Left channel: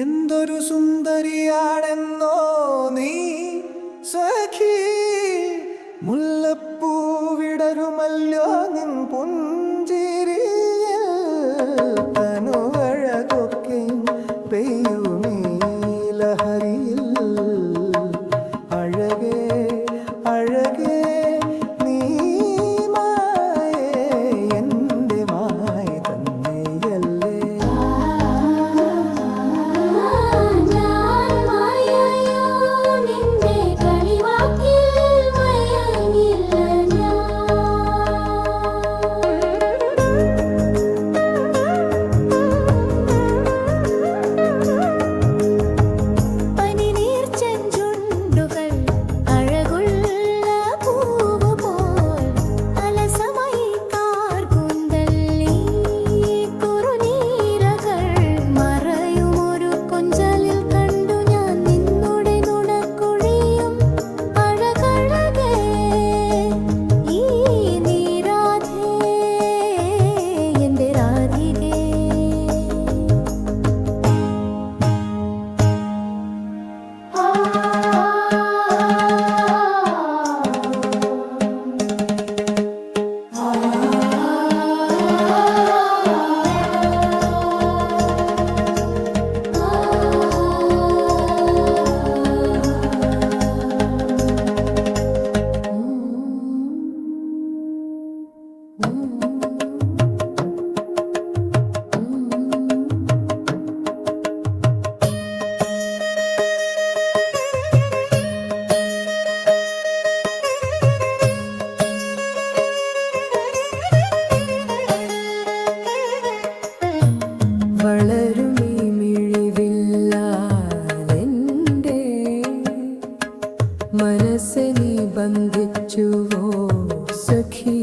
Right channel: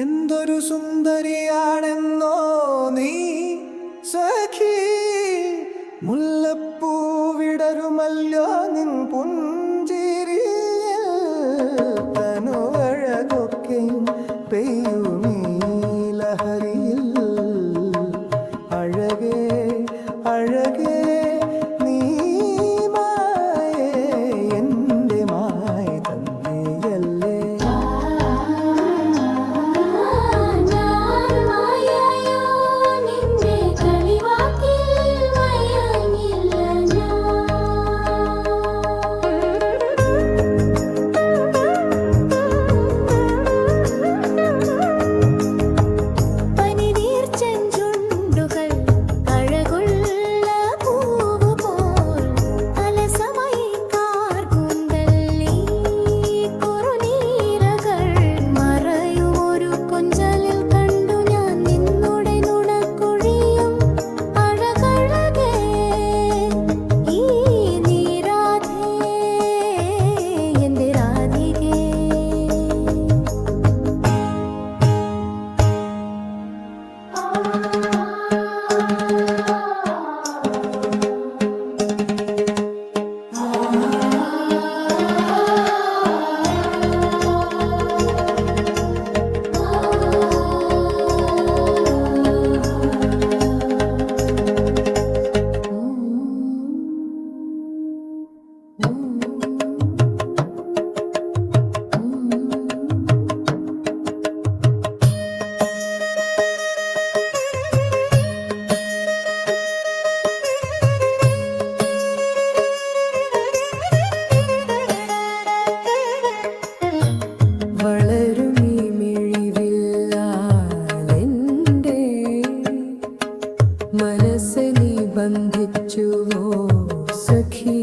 എന്തൊരു സുന്ദരിയാണെന്നോ നീ സഖി, മുല്ലപ്പൂ വിടരുമല്ലോ നിൻ പുഞ്ചിരിയിൽ, തനുവഴകൊക്കെയും പെയ്യുമീ ലഹരിയിൽ. അഴകേ അഴകേ നീ മായേ, എൻ്റെ മായ തന്നെയല്ലേ. വളരുമീ മിഴിവില്ലാലെൻ്റെ മനസ്സെ നീ ബന്ധിച്ചുവോ സഖി.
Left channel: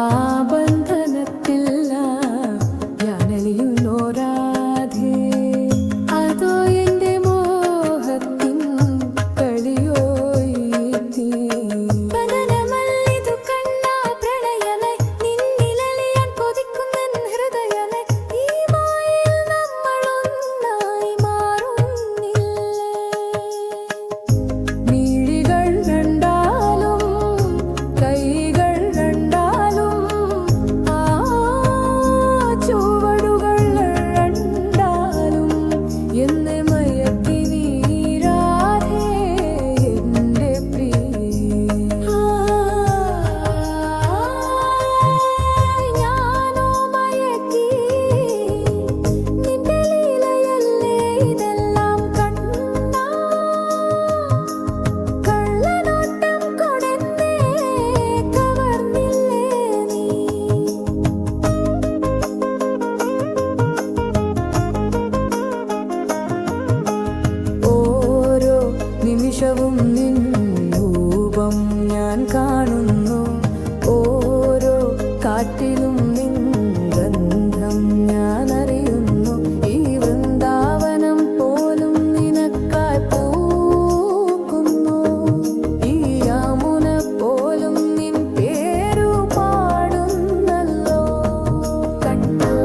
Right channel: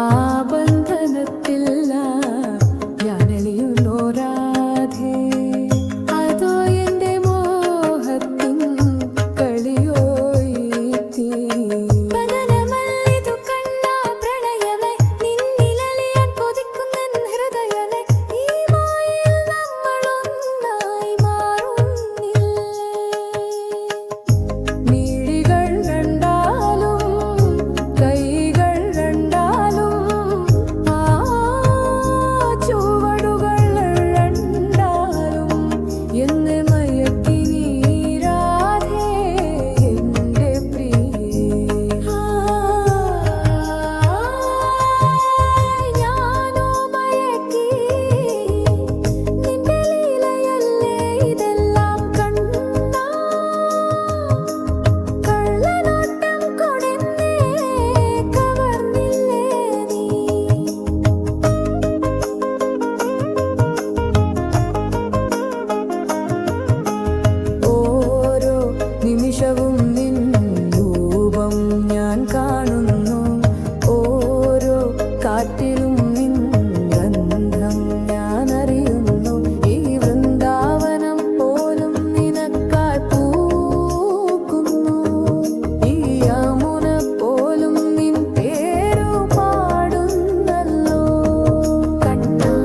ആ ബന്ധനത്തില്ല ഞാനലിയുന്നോ രാധേ, അതോ എൻ്റെ മോഹത്തിൻ കളിയോ ഈ തീ. നിമിഷവും നിൻ രൂപം ഞാൻ കാണുന്നു, ഓരോ കാറ്റിലും നിൻ ഗന്ധം ഞാൻ അറിയുന്നു. ഈ വൃന്ദാവനം പോലും നിനക്കായി പൂക്കുന്നു, ഈ യമുന പോലും നിൻ പേരു പാടുന്നല്ലോ. കണ്ണാ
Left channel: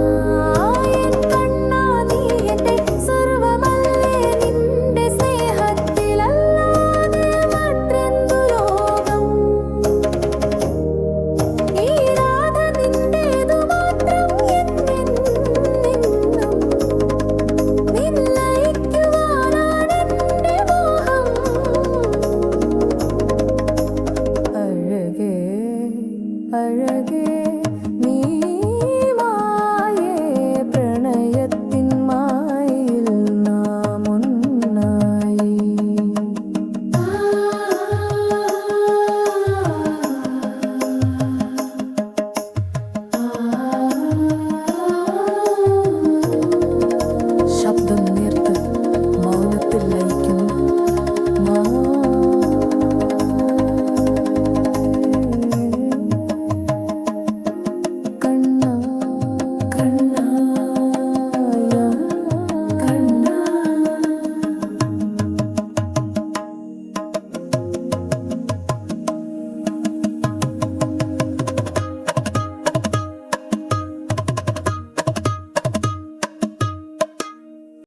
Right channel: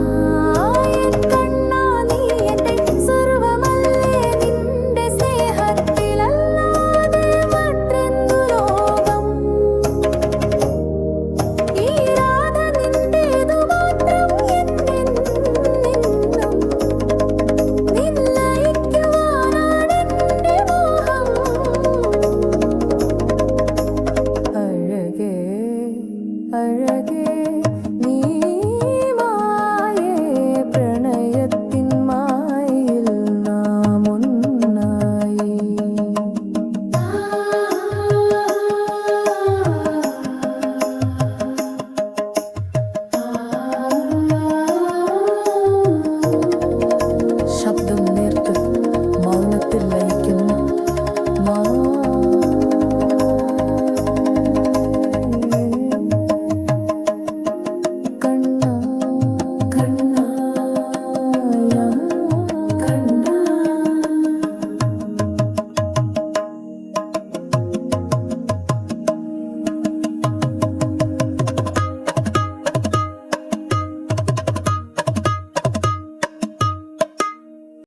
എൻ കണ്ണാ നീ എൻ്റെ സർവമല്ലേ, നിന്റെ സ്നേഹത്തിലല്ലാതെ മറ്റെന്തു ലോകം. ഈ രാധ നിന്റേതു മാത്രം എന്നെന്നും, നിന്നയിക്കുവാനാണെൻ്റെ മോഹം. അഴകേ അഴകേ നീ മായേ, പ്രണയത്തിൻ മായയിൽ നാം ഒന്നായി. ശബ്ദം നേർത്ത് മൗനത്തിൽ ലയിക്കുന്നു.